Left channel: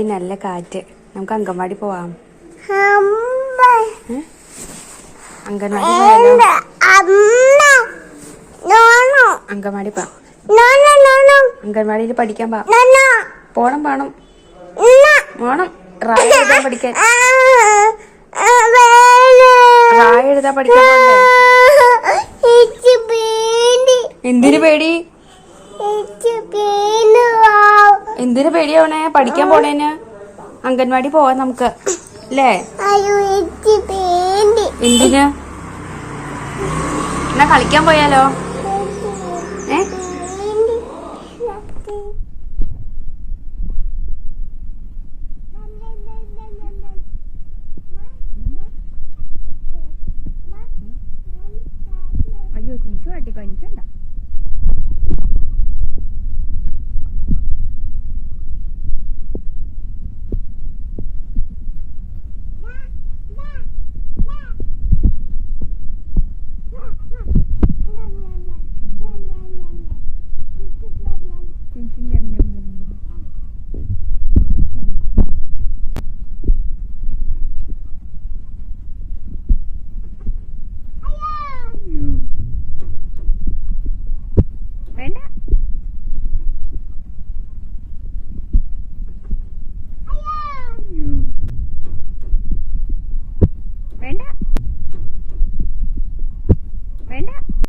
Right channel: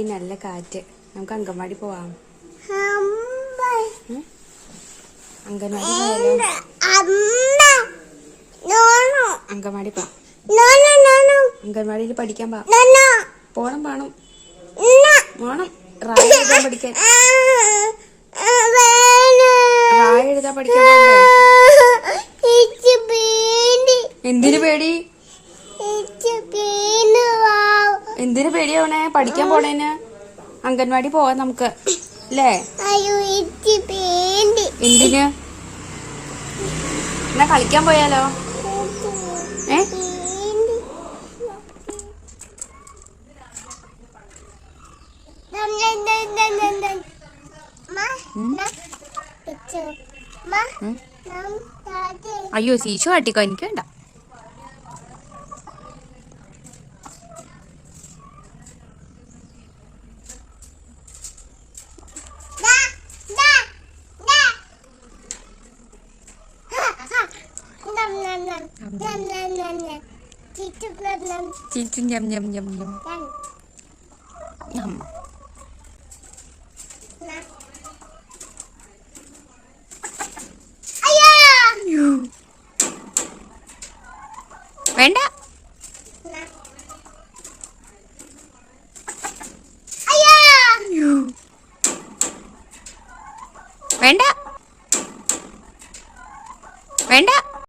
Hi നല്ല കാറ്റ്. നമുക്ക് അങ്കൻവാടി പോവാം. അങ്കൻവാടി പോയാലോ? അങ്കൻവാടി പോ. അങ്കൻവാടിയിൽ പഠിക്കാൻ പോണം പോണം പോണം. റായ എഴുതാൻ പഠിക്കാൻ. റായ എഴുതാൻ പഠിക്കാൻ പോണ്ടേ? എന്തിനു പേടി? എന്തിനു പേടിയാവണേ? പഠിക്കാൻ പോണേന്. അംഗൻവാടി പോവാം നമുക്ക് അല്ലേ? എന്തിന്? എന്നാ കളിക്കാൻ പോയാലോ? അയ്യോ ശീശു കാട്ടിക്കോ, എനിക്ക് വേണ്ട. Cincin jam. Venda. Venda.